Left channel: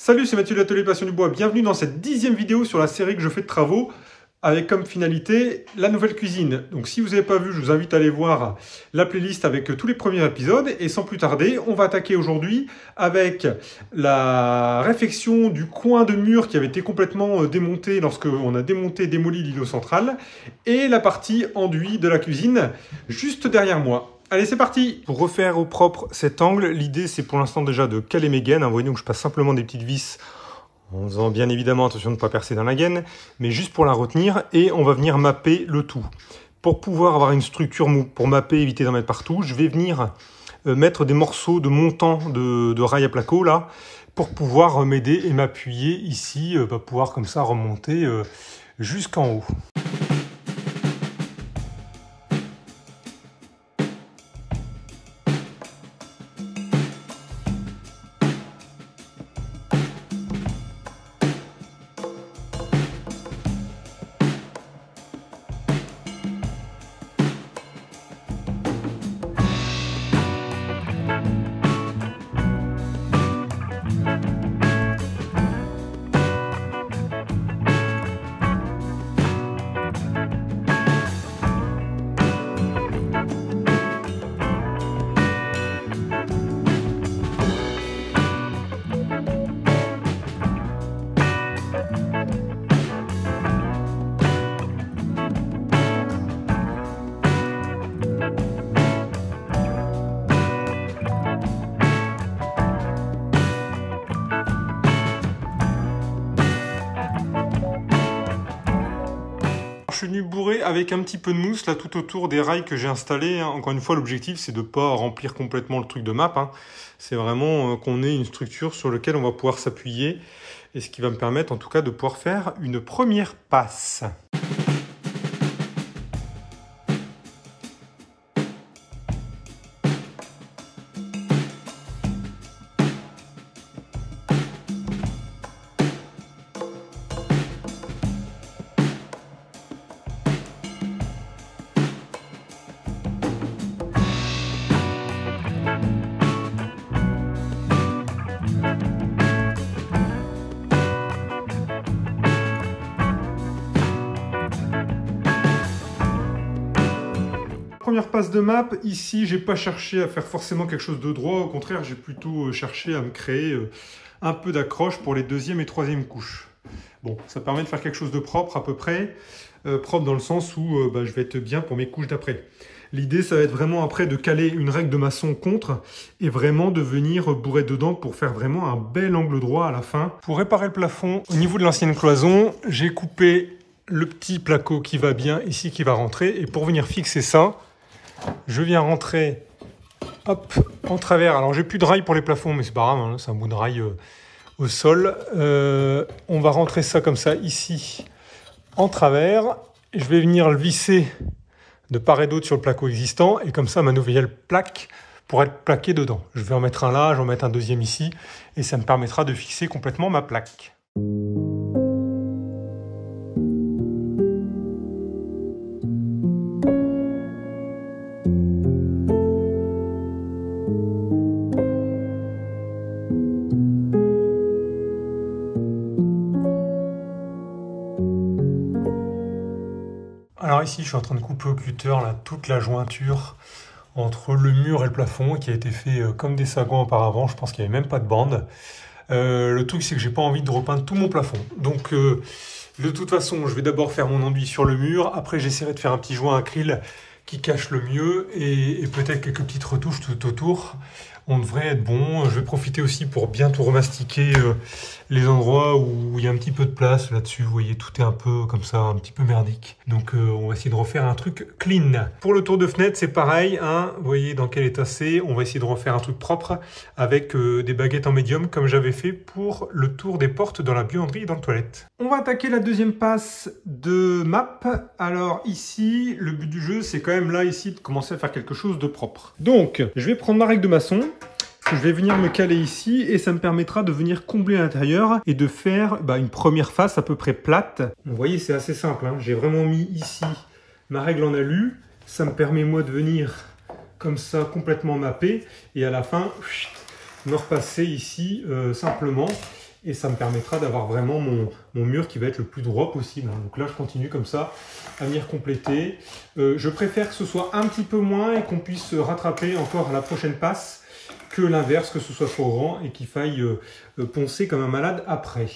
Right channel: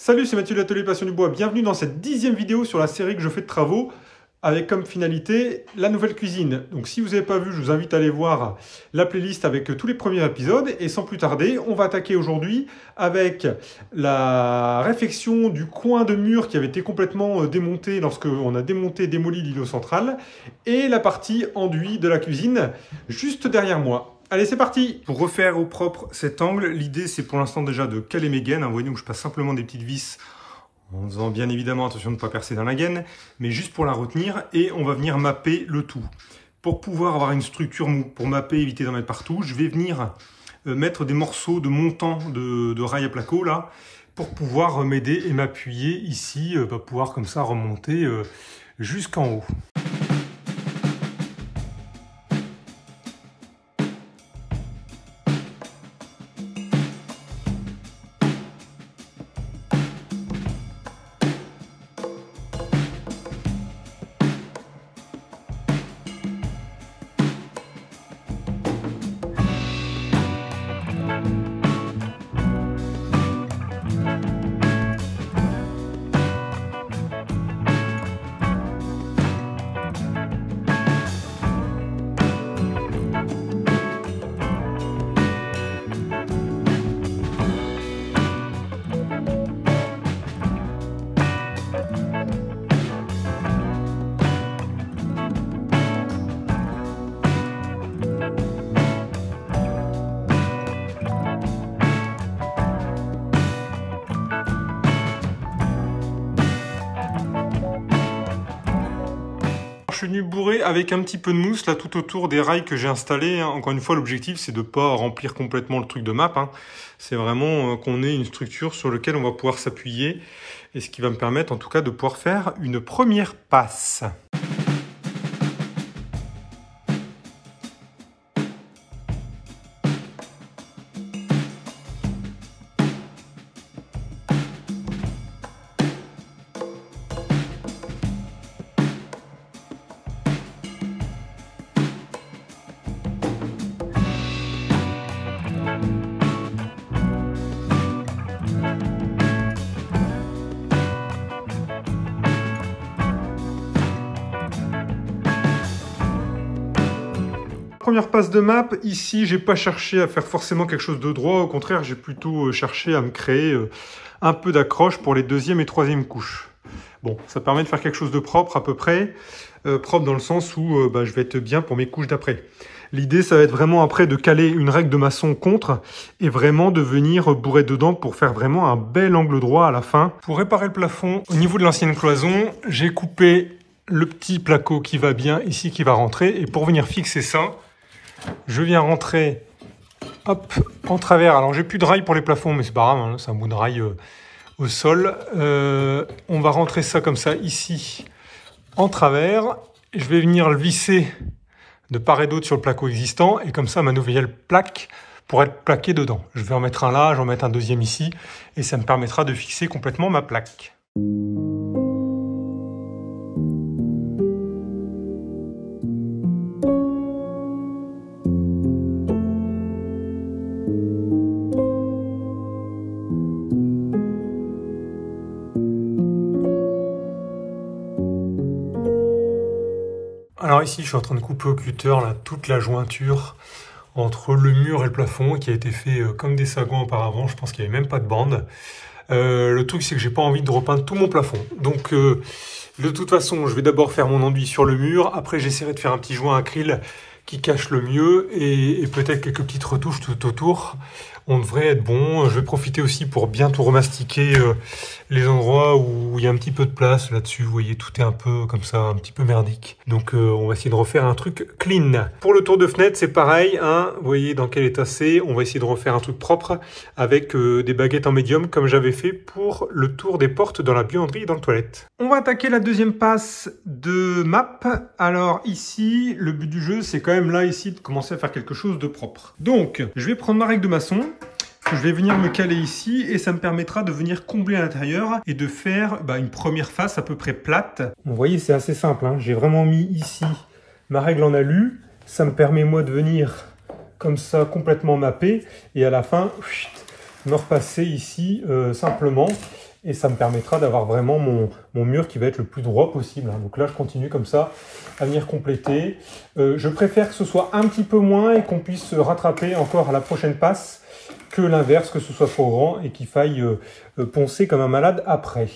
Salut, c'est Mathieu de l'Atelier Passion du Bois. Bienvenue dans cette 10e vidéo sur la série que je fais de travaux avec comme finalité la nouvelle cuisine. Donc si vous n'avez pas vu, je vous invite à aller voir la playlist avec tous les premiers épisodes. Et sans plus tarder, on va attaquer aujourd'hui avec la réfection du coin de mur qui avait été complètement démonté lorsqu'on a démonté et démoli l'îlot central et la partie enduit de la cuisine juste derrière moi. Allez, c'est parti! Pour refaire au propre cet angle, l'idée c'est pour l'instant déjà de caler mes gaines. Vous voyez, donc je passe simplement des petites vis en faisant bien évidemment attention de ne pas percer dans la gaine, mais juste pour la retenir et on va venir mapper le tout. Pour pouvoir avoir une structure pour mapper, éviter d'en mettre partout, je vais venir mettre des morceaux de montant de rail à placo là, pour pouvoir m'aider et m'appuyer ici, pour pouvoir comme ça remonter jusqu'en haut. Je suis venu bourrer avec un petit peu de mousse là tout autour des rails que j'ai installés. Encore une fois, l'objectif c'est de ne pas remplir complètement le truc de map. C'est vraiment qu'on ait une structure sur laquelle on va pouvoir s'appuyer et ce qui va me permettre en tout cas de pouvoir faire une première passe. Première passe de map, ici j'ai pas cherché à faire forcément quelque chose de droit, au contraire j'ai plutôt cherché à me créer un peu d'accroche pour les deuxième et troisième couches. Bon, ça permet de faire quelque chose de propre à peu près, propre dans le sens où je vais être bien pour mes couches d'après. L'idée ça va être vraiment après de caler une règle de maçon contre et vraiment de venir bourrer dedans pour faire vraiment un bel angle droit à la fin. Pour réparer le plafond, au niveau de l'ancienne cloison, j'ai coupé le petit placo qui va bien ici, qui va rentrer, et pour venir fixer ça, je viens rentrer hop, en travers. Alors j'ai plus de rail pour les plafonds, mais c'est pas grave, c'est un bout de rail au sol. On va rentrer ça comme ça ici en travers. Je vais venir le visser de part et d'autre sur le placo existant, et comme ça ma nouvelle plaque pourra être plaquée dedans. Je vais en mettre un là, j'en mettre un deuxième ici, et ça me permettra de fixer complètement ma plaque. Alors ici, je suis en train de couper au cutter là, toute la jointure entre le mur et le plafond qui a été fait comme des sagons auparavant. Je pense qu'il n'y avait même pas de bande. Le truc, c'est que j'ai pas envie de repeindre tout mon plafond. Donc, de toute façon, je vais d'abord faire mon enduit sur le mur. Après, j'essaierai de faire un petit joint acryl qui cache le mieux et peut-être quelques petites retouches tout autour. On devrait être bon. Je vais profiter aussi pour bien tout remastiquer les endroits où il y a un petit peu de place là-dessus. Vous voyez, tout est un peu comme ça, un petit peu merdique. Donc on va essayer de refaire un truc clean. Pour le tour de fenêtre, c'est pareil. Vous voyez dans quel état c'est. On va essayer de refaire un truc propre avec des baguettes en médium comme j'avais fait pour le tour des portes dans la buanderie et dans les toilettes. On va attaquer la deuxième passe de map. Alors ici, le but du jeu, c'est quand même là ici de commencer à faire quelque chose de propre. Donc, je vais prendre ma règle de maçon. Je vais venir me caler ici et ça me permettra de venir combler à l'intérieur et de faire une première face à peu près plate. Vous voyez, c'est assez simple. J'ai vraiment mis ici ma règle en alu. Ça me permet moi de venir comme ça complètement mapper et à la fin me repasser ici simplement et ça me permettra d'avoir vraiment mon mur qui va être le plus droit possible. Donc là, je continue comme ça à venir compléter. Je préfère que ce soit un petit peu moins et qu'on puisse rattraper encore à la prochaine passe que l'inverse, que ce soit trop grand et qu'il faille poncer comme un malade après.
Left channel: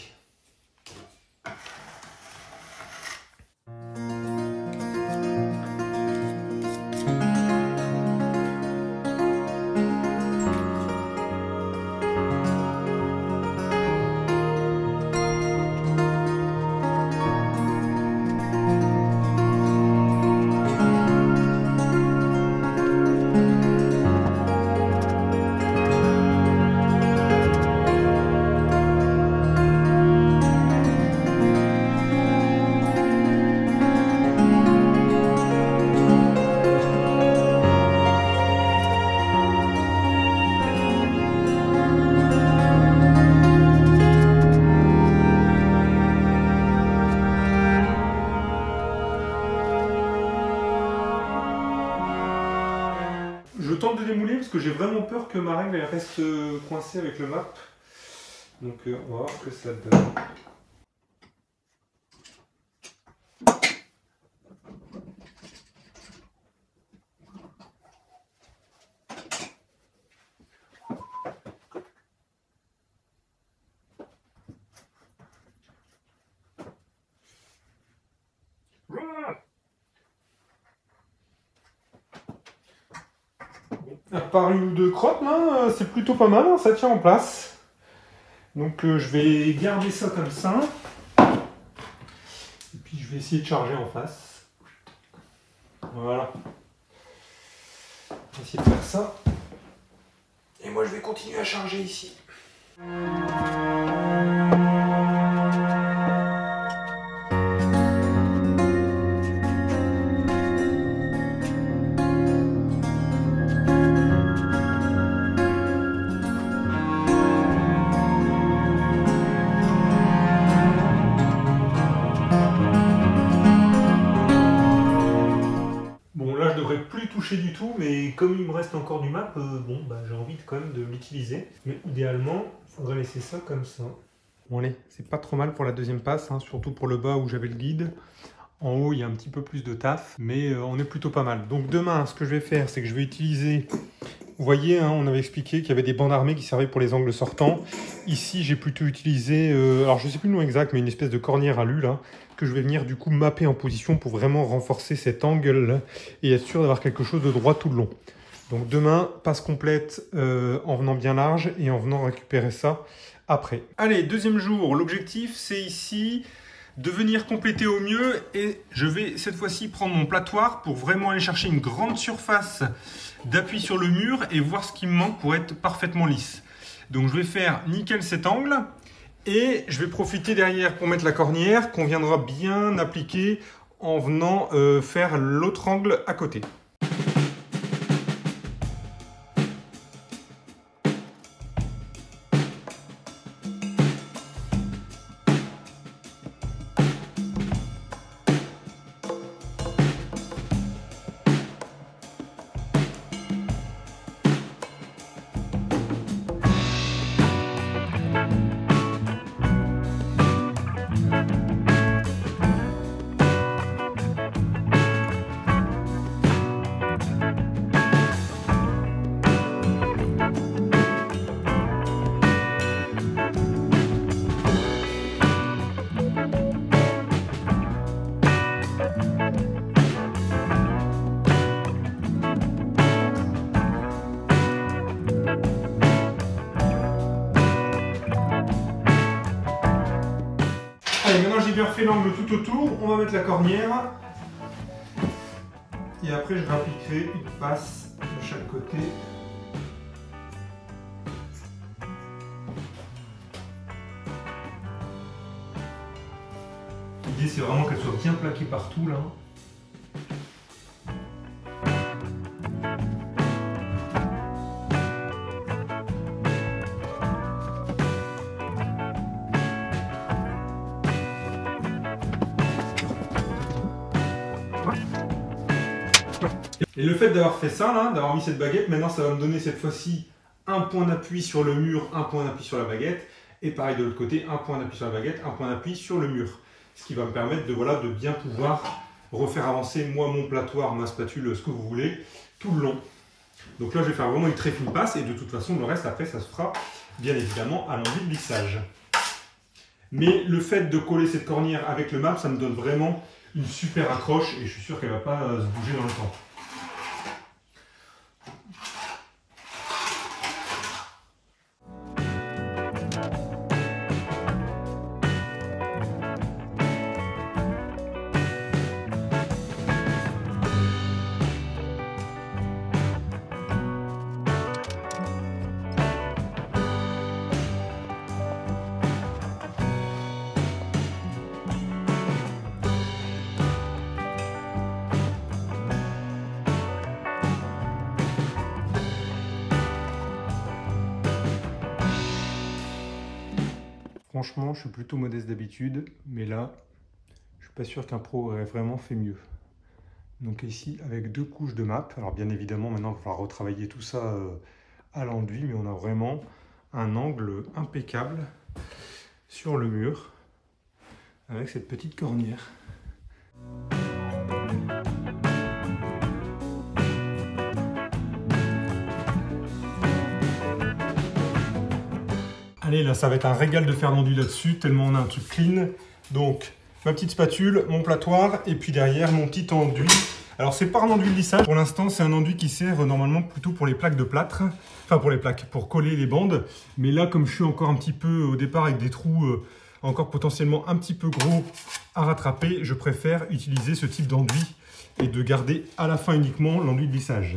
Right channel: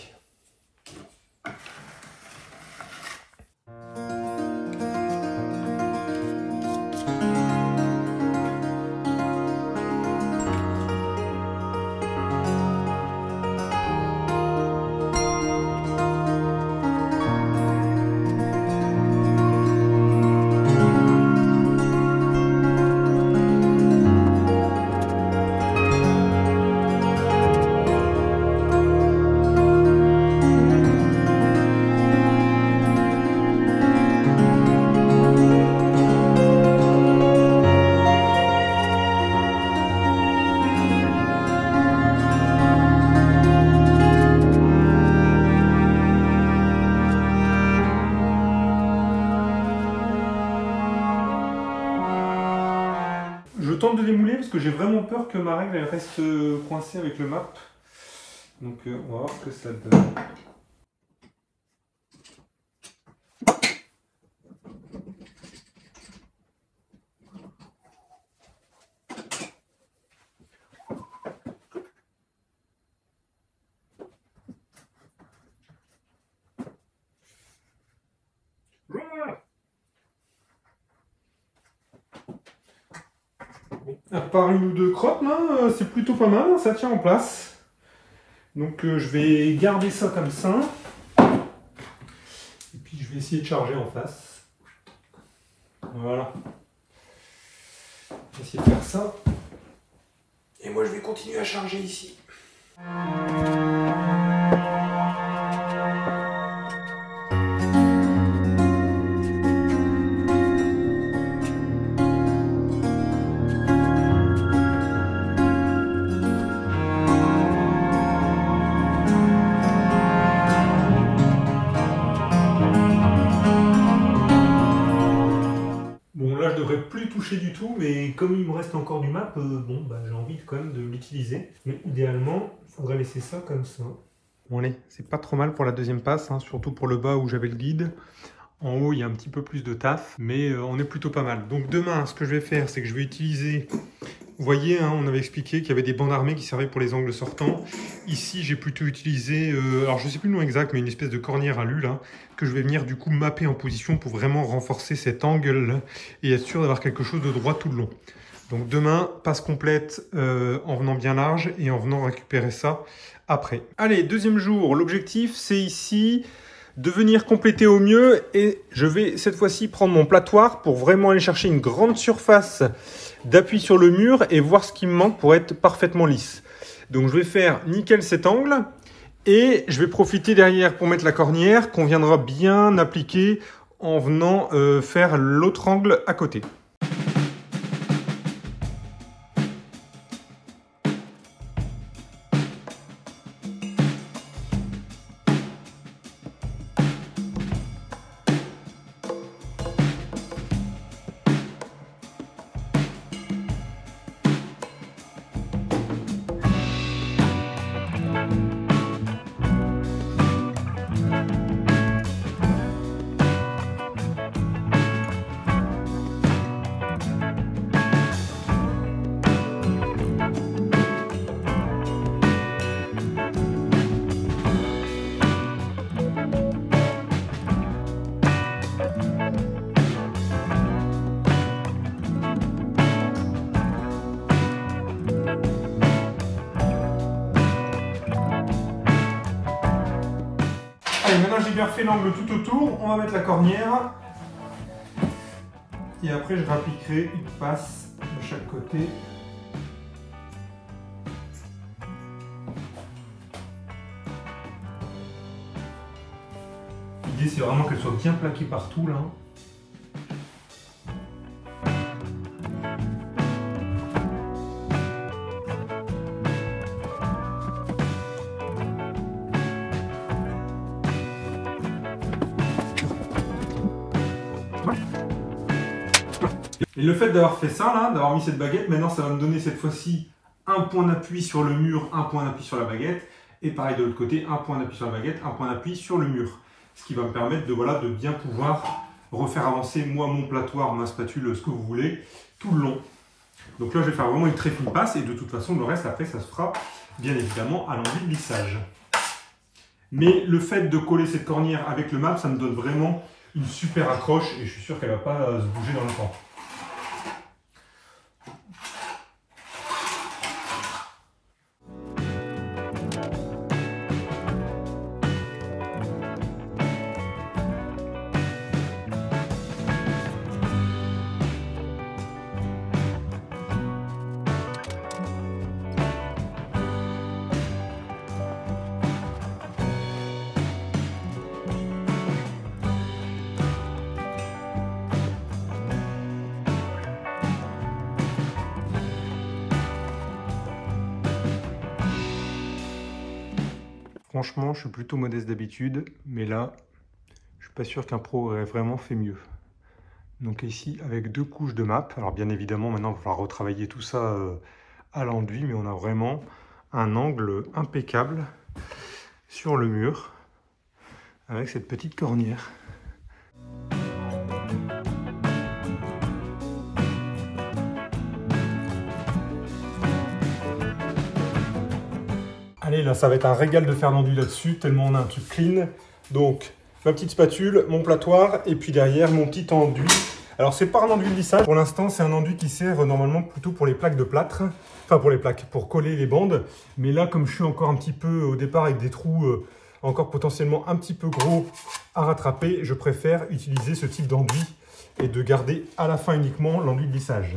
Je tente de démouler parce que j'ai vraiment peur que ma règle elle reste coincée avec le map. Donc on va voir ce que ça donne. À part une ou deux crottes, c'est plutôt pas mal, ça tient en place. Donc je vais garder ça comme ça. Et puis je vais essayer de charger en face. Voilà. Je vais essayer de faire ça. Et moi je vais continuer à charger ici. Là, je devrais plus toucher du tout, mais comme il me reste encore du map, j'ai envie quand même de l'utiliser. Mais idéalement, il faudrait laisser ça comme ça. Bon allez, c'est pas trop mal pour la deuxième passe, surtout pour le bas où j'avais le guide. En haut, il y a un petit peu plus de taf, mais on est plutôt pas mal. Donc demain, ce que je vais faire, c'est que je vais utiliser... Vous voyez, on avait expliqué qu'il y avait des bandes armées qui servaient pour les angles sortants. Ici, j'ai plutôt utilisé, alors je ne sais plus le nom exact, mais une espèce de cornière à lu, que je vais venir du coup mapper en position pour vraiment renforcer cet angle et être sûr d'avoir quelque chose de droit tout le long. Donc demain, passe complète en venant bien large et en venant récupérer ça après. Allez, deuxième jour, l'objectif c'est ici de venir compléter au mieux et je vais cette fois-ci prendre mon platoir pour vraiment aller chercher une grande surface d'appui sur le mur et voir ce qui me manque pour être parfaitement lisse. Donc je vais faire nickel cet angle et je vais profiter derrière pour mettre la cornière qu'on viendra bien appliquer en venant faire l'autre angle à côté. Allez, maintenant j'ai bien fait l'angle tout autour, on va mettre la cornière. Et après je rappliquerai une passe de chaque côté. L'idée c'est vraiment qu'elle soit bien plaquée partout là. Et le fait d'avoir fait ça, là, d'avoir mis cette baguette, maintenant ça va me donner cette fois-ci un point d'appui sur le mur, un point d'appui sur la baguette. Et pareil de l'autre côté, un point d'appui sur la baguette, un point d'appui sur le mur. Ce qui va me permettre de, voilà, de bien pouvoir refaire avancer moi mon platoir, ma spatule, ce que vous voulez, tout le long. Donc là, je vais faire vraiment une très fine passe et de toute façon, le reste, après, ça se fera bien évidemment à l'enduit de lissage. Mais le fait de coller cette cornière avec le MAP, ça me donne vraiment une super accroche et je suis sûr qu'elle ne va pas se bouger dans le temps. Franchement, je suis plutôt modeste d'habitude, mais là, je suis pas sûr qu'un pro aurait vraiment fait mieux. Donc ici, avec 2 couches de MAP, alors bien évidemment, maintenant, il va falloir retravailler tout ça à l'enduit, mais on a vraiment un angle impeccable sur le mur, avec cette petite cornière. Allez, là, ça va être un régal de faire l'enduit là-dessus, tellement on a un truc clean. Donc, ma petite spatule, mon platoir, et puis derrière, mon petit enduit. Alors, c'est pas un enduit de lissage. Pour l'instant, c'est un enduit qui sert normalement plutôt pour les plaques de plâtre. Enfin, pour les plaques, pour coller les bandes. Mais là, comme je suis encore un petit peu au départ avec des trous encore potentiellement un petit peu gros à rattraper, je préfère utiliser ce type d'enduit et de garder à la fin uniquement l'enduit de lissage.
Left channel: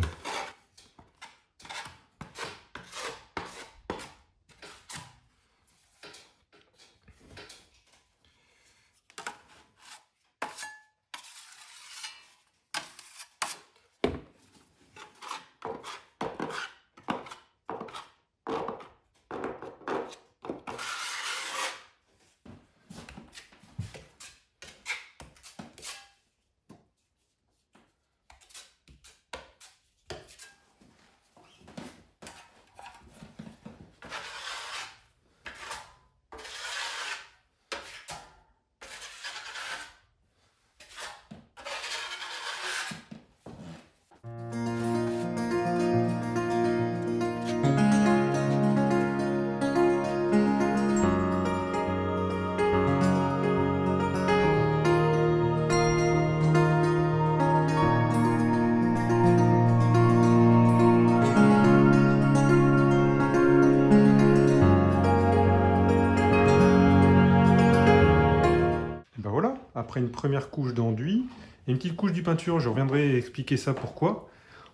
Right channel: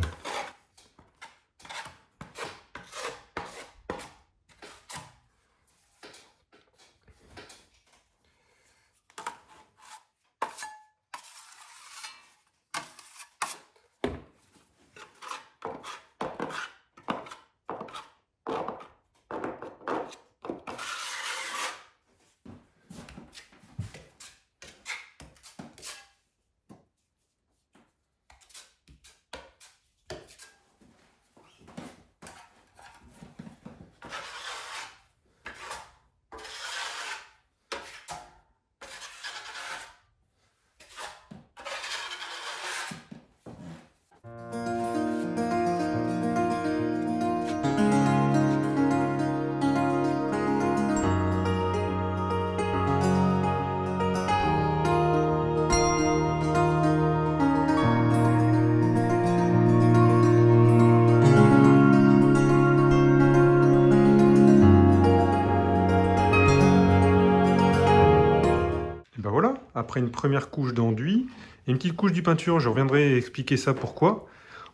Après une première couche d'enduit et une petite couche de peinture, je reviendrai expliquer ça pourquoi.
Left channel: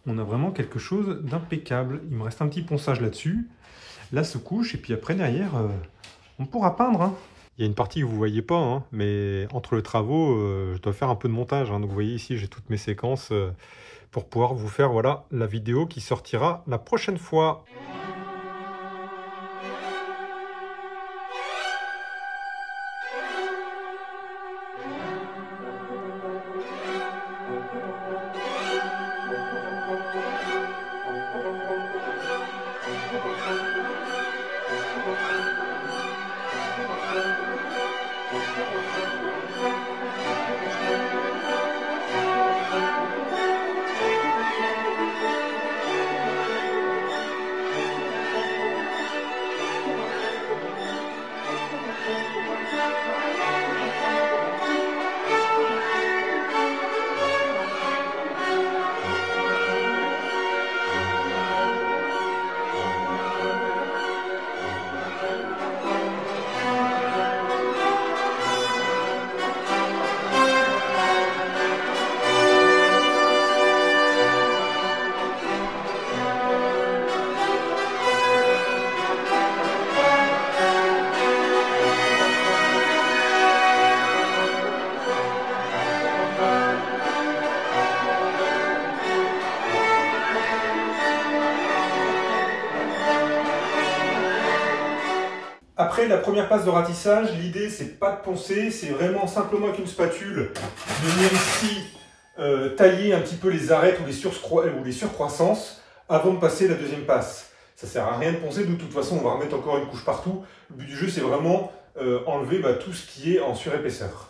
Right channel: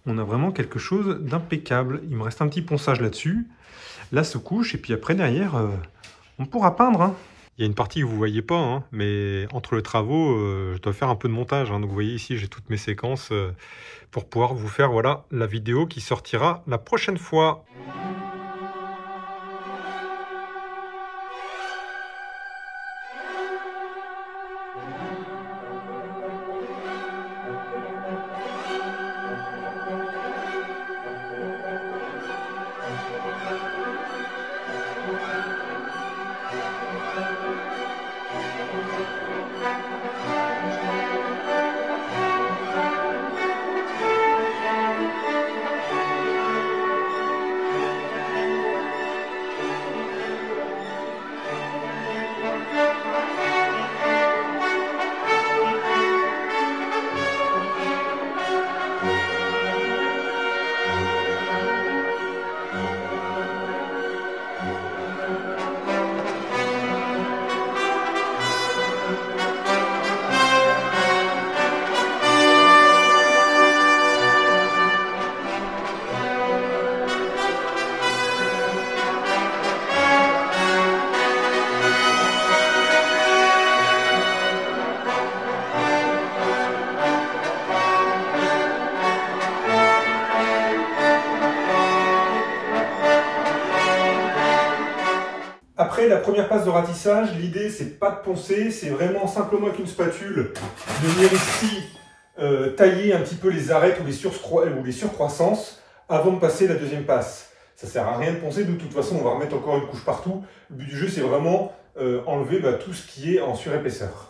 On a vraiment quelque chose d'impeccable. Il me reste un petit ponçage là-dessus. Là se couche et puis après derrière, on pourra peindre. Hein. Il y a une partie que vous ne voyez pas, hein, mais entre les travaux, je dois faire un peu de montage. Hein. Donc vous voyez ici, j'ai toutes mes séquences pour pouvoir vous faire voilà, la vidéo qui sortira la prochaine fois. Après la première passe de ratissage, l'idée c'est pas de poncer, c'est vraiment simplement avec une spatule de venir ici tailler un petit peu les arêtes ou les surcroissances avant de passer la deuxième passe. Ça sert à rien de poncer, de toute façon on va remettre encore une couche partout. Le but du jeu c'est vraiment enlever tout ce qui est en surépaisseur.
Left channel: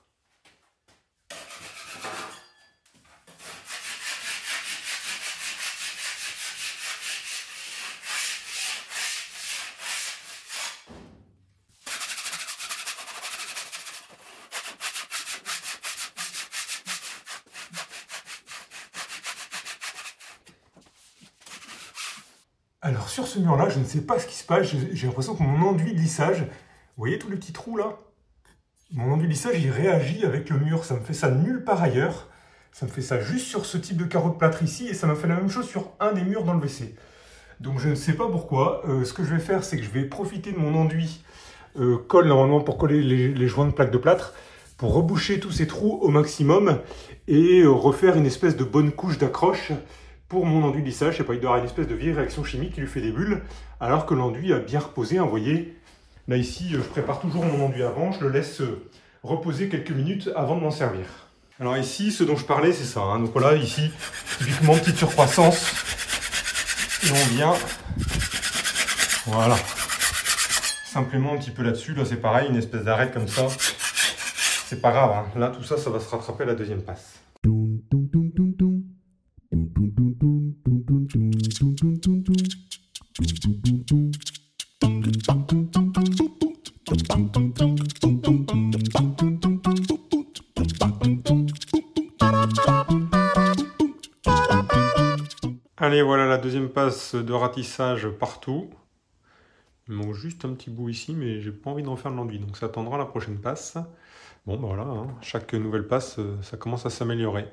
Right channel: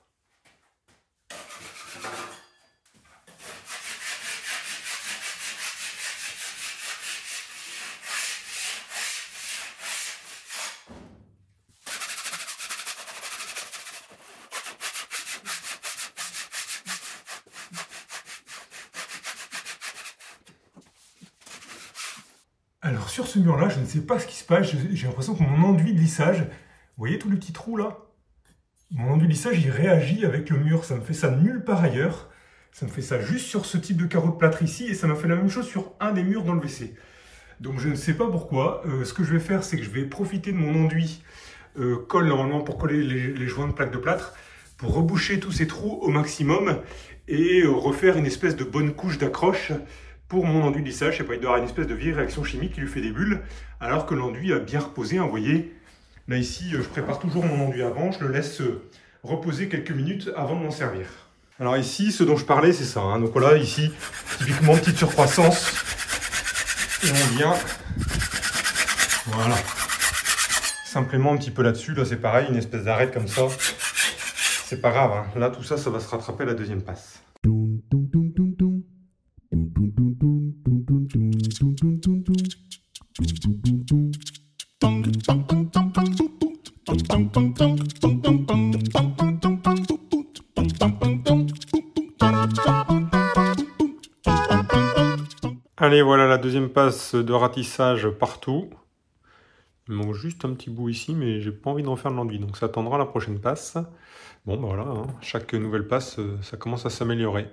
Alors sur ce mur-là, je ne sais pas ce qui se passe, j'ai l'impression que mon enduit de lissage, vous voyez tous les petits trous là? Mon enduit de lissage, il réagit avec le mur, ça me fait ça nulle part ailleurs. Ça me fait ça juste sur ce type de carreau de plâtre ici, et ça m'a fait la même chose sur un des murs dans le WC. Donc je ne sais pas pourquoi, ce que je vais faire, c'est que je vais profiter de mon enduit colle normalement pour coller les joints de plaques de plâtre, pour reboucher tous ces trous au maximum, et refaire une espèce de bonne couche d'accroche pour mon enduit de lissage. Je sais pas, il doit y avoir une espèce de vieille réaction chimique qui lui fait des bulles, alors que l'enduit a bien reposé. Vous voyez, là ici, je prépare toujours mon enduit avant, je le laisse reposer quelques minutes avant de m'en servir. Alors ici, ce dont je parlais, c'est ça. Donc voilà, ici, typiquement, petite surcroissance. Et on vient, voilà, simplement un petit peu là-dessus. Là, c'est pareil, une espèce d'arête comme ça. C'est pas grave, hein. Là, tout ça, ça va se rattraper à la deuxième passe. Allez, voilà la deuxième passe de ratissage partout. Il manque juste un petit bout ici, mais j'ai pas envie d'en faire de l'enduit, donc ça attendra la prochaine passe. Bon, ben voilà, hein, chaque nouvelle passe, ça commence à s'améliorer.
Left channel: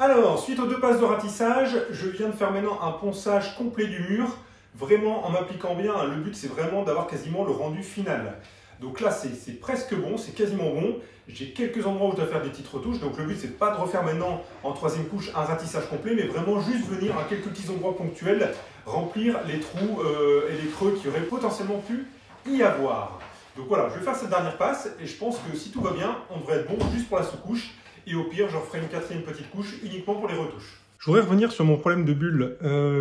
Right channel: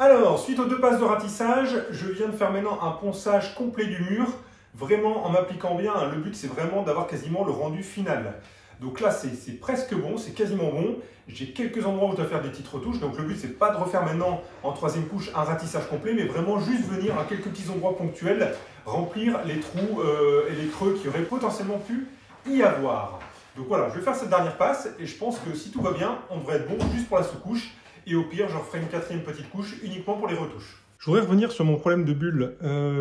Alors, suite aux deux passes de ratissage, je viens de faire maintenant un ponçage complet du mur, vraiment en m'appliquant bien. Le but, c'est vraiment d'avoir quasiment le rendu final. Donc là, c'est presque bon, c'est quasiment bon. J'ai quelques endroits où je dois faire des petites retouches. Donc le but, c'est pas de refaire maintenant en troisième couche un ratissage complet, mais vraiment juste venir à quelques petits endroits ponctuels, remplir les trous et les creux qui auraient potentiellement pu y avoir. Donc voilà, je vais faire cette dernière passe et je pense que si tout va bien, on devrait être bon juste pour la sous-couche. Et au pire, je referai une quatrième petite couche uniquement pour les retouches. Je voudrais revenir sur mon problème de bulle.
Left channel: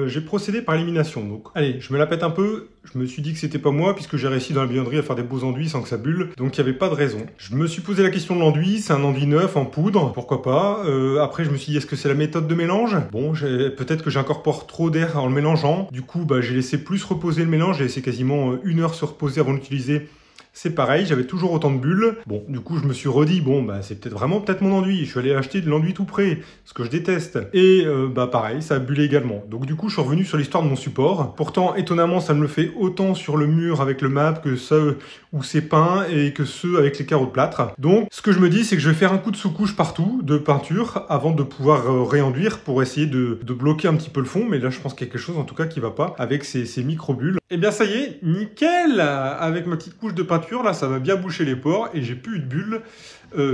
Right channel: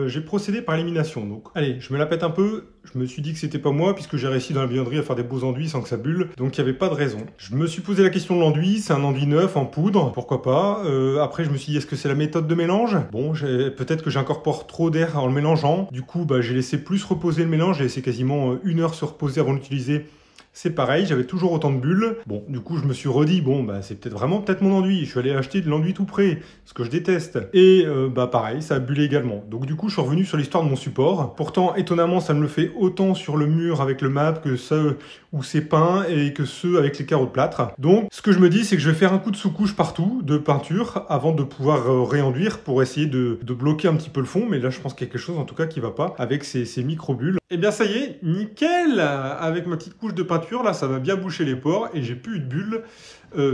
J'ai procédé par élimination. Donc, allez, je me la pète un peu. Je me suis dit que c'était pas moi puisque j'ai réussi dans la buanderie à faire des beaux enduits sans que ça bulle. Donc, il n'y avait pas de raison. Je me suis posé la question de l'enduit. C'est un enduit neuf en poudre. Pourquoi pas. Après, je me suis dit, est-ce que c'est la méthode de mélange? Bon, peut-être que j'incorpore trop d'air en le mélangeant. Du coup, j'ai laissé plus reposer le mélange. J'ai laissé quasiment 1 heure se reposer avant d'utiliser. C'est pareil, j'avais toujours autant de bulles. Bon, du coup, je me suis redit, bon, c'est peut-être mon enduit. Je suis allé acheter de l'enduit tout prêt, ce que je déteste. Et pareil, ça a bullé également. Donc du coup, je suis revenu sur l'histoire de mon support. Pourtant, étonnamment, ça me le fait autant sur le mur avec le map que ceux où c'est peint et que ceux avec les carreaux de plâtre. Donc, ce que je me dis, c'est que je vais faire un coup de sous-couche partout de peinture avant de pouvoir réenduire pour essayer de bloquer un petit peu le fond. Mais là, je pense qu'il y a quelque chose en tout cas qui va pas avec ces micro-bulles. Et bien, ça y est, nickel! Avec ma petite couche de peinture, là, ça m'a bien bouché les pores et j'ai plus eu de bulles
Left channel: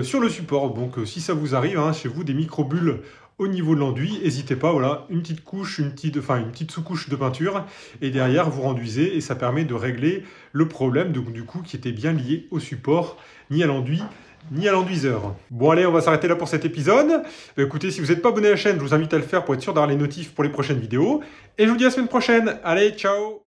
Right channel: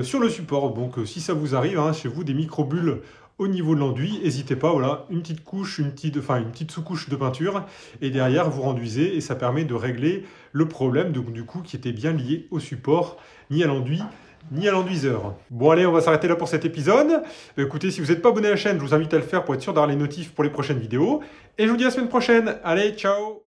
sur le support. Donc, si ça vous arrive, hein, chez vous, des micro-bulles au niveau de l'enduit, n'hésitez pas, voilà, une petite couche, une petite sous-couche de peinture et derrière, vous renduisez et ça permet de régler le problème, donc du coup, qui était bien lié au support, ni à l'enduit, ni à l'enduiseur. Bon allez, on va s'arrêter là pour cet épisode. Écoutez, si vous n'êtes pas abonné à la chaîne, je vous invite à le faire pour être sûr d'avoir les notifs pour les prochaines vidéos. Et je vous dis à la semaine prochaine. Allez, ciao!